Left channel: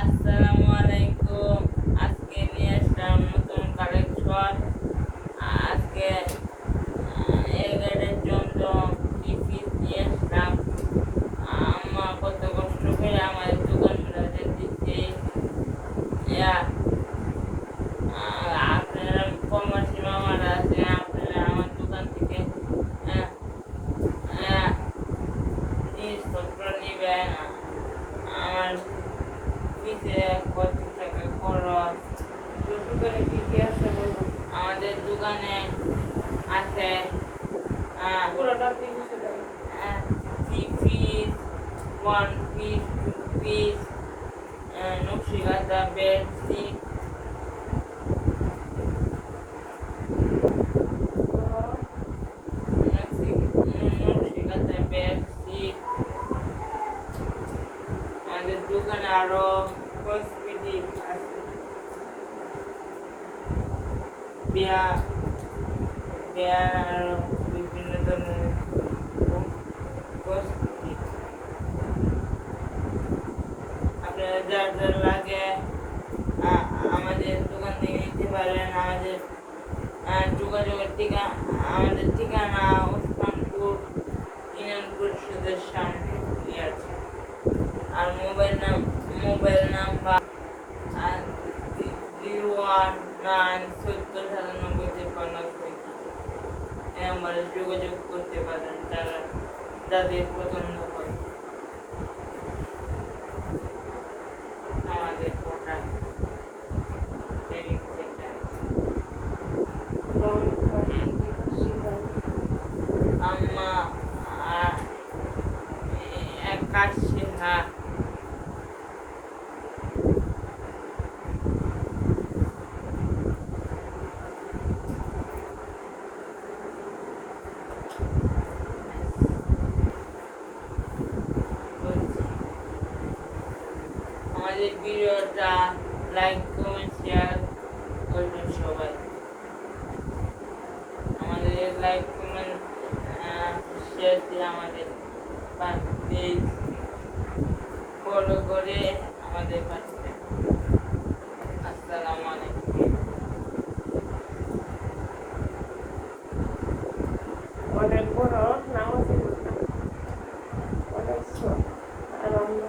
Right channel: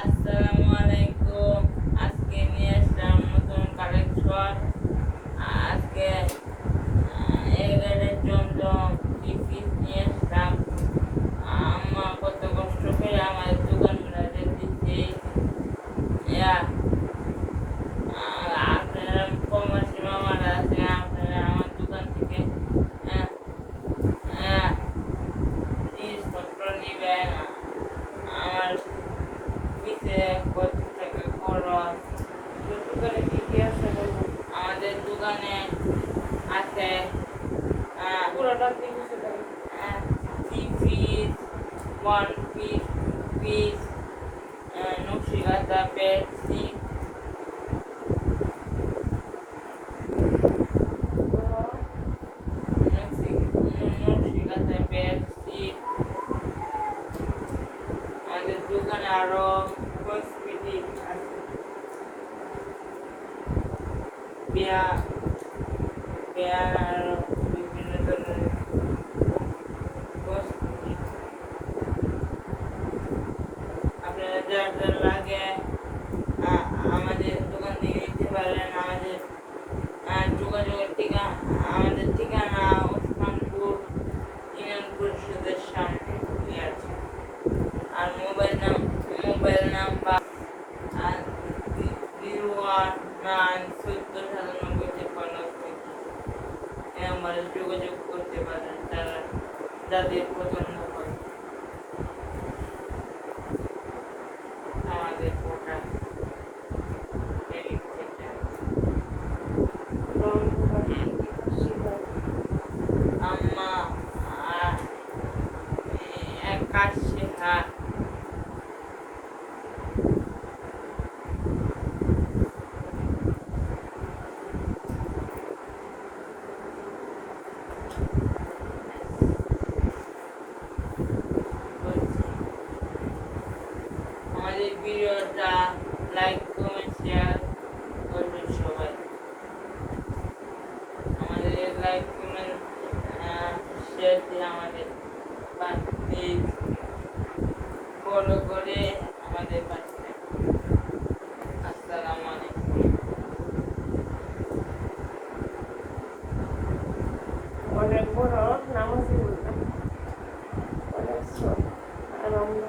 আসসালামু আলাইকুম। আজকে নিয়ে আসলাম নতুন কালেকশন। আজকে এগারের জন্য পিস নিয়ে আসলাম। আম্মা কত কষ্ট করে আমার দোকানটা দিচ্ছে। আপনারা কমার্সি মামারা আছে, আপনারা আমার দোকান থেকে জিনিসপত্র নেবেন। আমার নিচে করতে থাকে খরচ। দোকানে কি কি আছে বলবো? আমাদের দোকানে আছে পুরোটা piece, three piece, one piece, two piece, নকশিকাঁথা বেডশিট, নকশিকাঁথা বেডশিট। আমাদের দোকানে আরো কসমেটিক আছে, বিয়া বিয়ার আরো বিভিন্ন ধরনের কসমেটিক। আপনারা যার যার লাগে আমাদের দোকান থেকে নিতে পারেন। আমাদের যোগাযোগের আমাদের ঠিকানা ওসমানপুর ইউনিয়ন পরিষদের সামনে আছে। আর মোবাইল নাম্বার 019 70 97 53 এই নম্বরে যোগাযোগ করতে পারেন যাদের পছন্দ হয় আমাদের প্রোডাক্ট এডিট করতে। আম্মা এক কাশি হাত আমাদের ভিডিওটা লাইক কমেন্ট শেয়ার করবেন সবাই। আমাদের লাইক কমেন্ট শেয়ার দিয়ে আমাদের পেজ ফলো করে আমাদের পাশে থাকুন। আসসালামু আলাইকুম। অনেক বড় নামাজি অনেক আর আমরা